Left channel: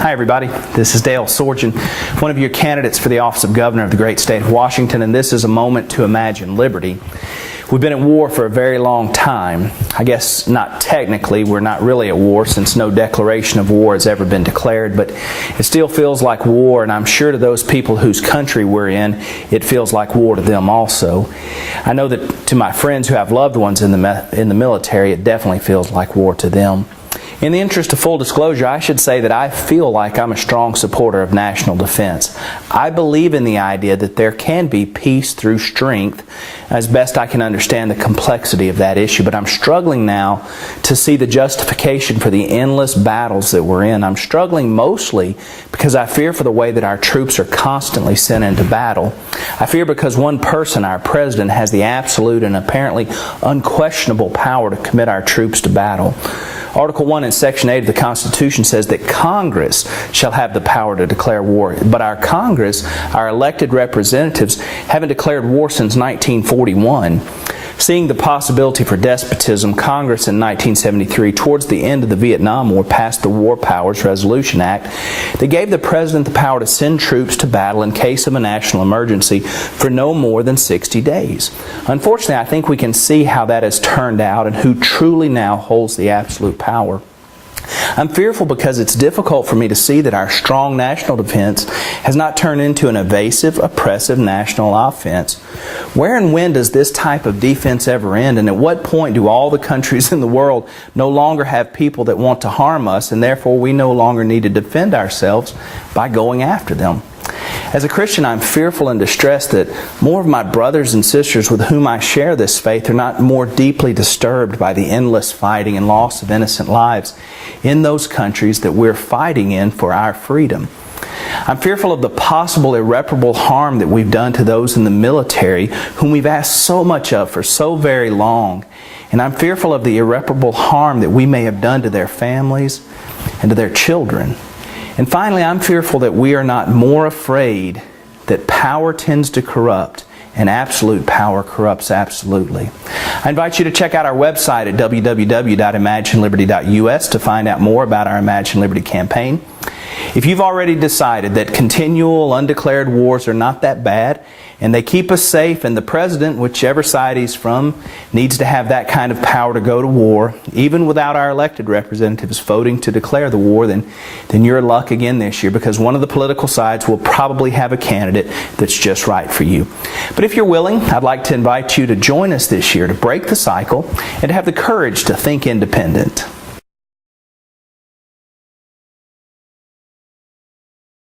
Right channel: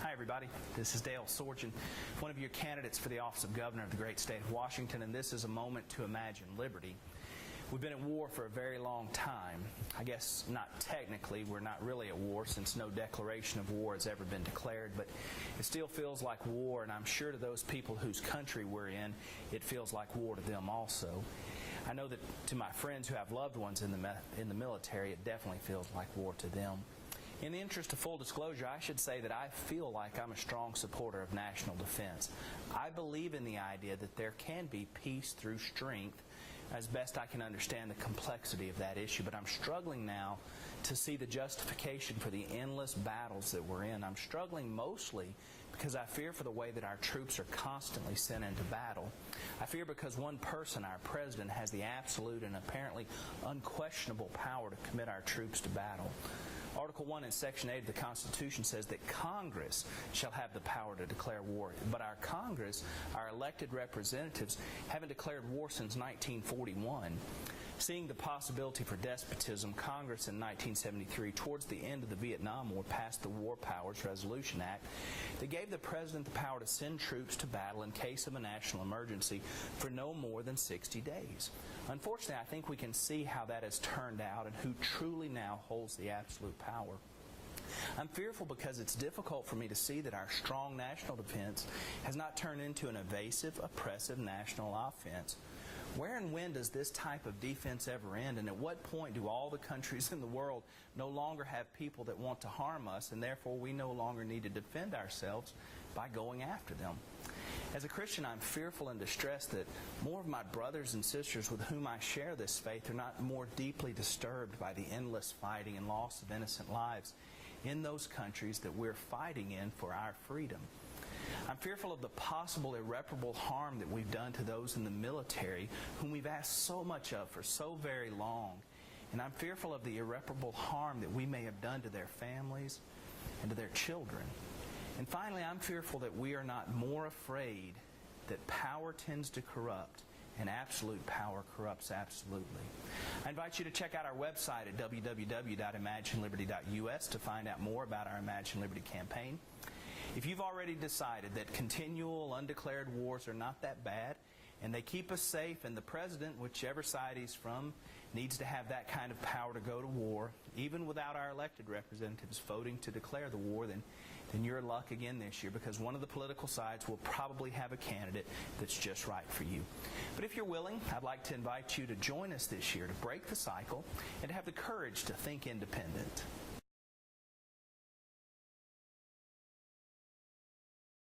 Hi everybody, this is Dale Sorgen, one of your candidates for the office of Governor of the great state of Washington, and this is a moment to imagine liberty. We've been at war for a very long time. I guess not technically, we're not really at war since no declaration of war has ever been declared, but it still feels like war, and I'm sure to those people whose country we're in, it feels like war to them also. I know that to my friends who have loved ones in the military, it definitely feels like war to them. In the interest of full disclosure, I should say that I feel like I'm a strong supporter of national defense. I believe in the idea that there can be peace through strength, as best I can understand the complexity of that issue. But I'm struggling now to see the justification for the endless battles that we're in. I'm struggling mostly because I fear for the way that our troops are constantly sent into battle. I fear because one person, our president, has the absolute and apparently unquestionable power to commit our troops to battle. Article 1 in Section 8 of the Constitution says that Congress shall have the power to declare war. But our Congress, our elected representatives, haven't declared war since 1941. Seeing the possibility for despotism, Congress in 1973, towards the end of the Vietnam War, passed the War Powers Resolution Act that gave the President the power to send troops to battle in case of a national emergency for no more than 60 days. Unfortunately, I think we can see how that has turned out and who truly now holds the absolute power. I'm fearful because it's difficult for me to see that our strong national defense has not turned into an evasive, oppressive national offense. Where and when does this type of defense ever end? And at what point do all the countries in the world no longer have people that want to harm us, and therefore we no longer need to defend ourselves by going after them? As a Christian, I'm fearful and distressed that more of my brothers and sisters with whom I share this faith are not more deeply disturbed by the endless fighting and loss of innocent lives in those countries that we're fighting in for our freedom. I'm fearful of the possible irreparable harm that we've done to those in the military whom we've asked so much of for so very long. And I'm fearful of the irreparable harm that we may have done to their families and to their children. And finally, I'm fearful that we are not more afraid that power tends to corrupt and absolute power corrupts absolutely. I invite you to check out our website at www.imagineliberty.us to find out more about our Imagine Liberty campaign. If you've already decided that continual undeclared wars are not that bad and they keep us safe, and the president, whichever side he's from, needs to have that kind of power to go to war, even without our elected representatives voting to declare the war, then you're in luck again this year, because one of the political sides will probably have a candidate that's just right for you. But if you're willing, I'd like to invite you to join us this year to break the cycle and to have the courage to think independent.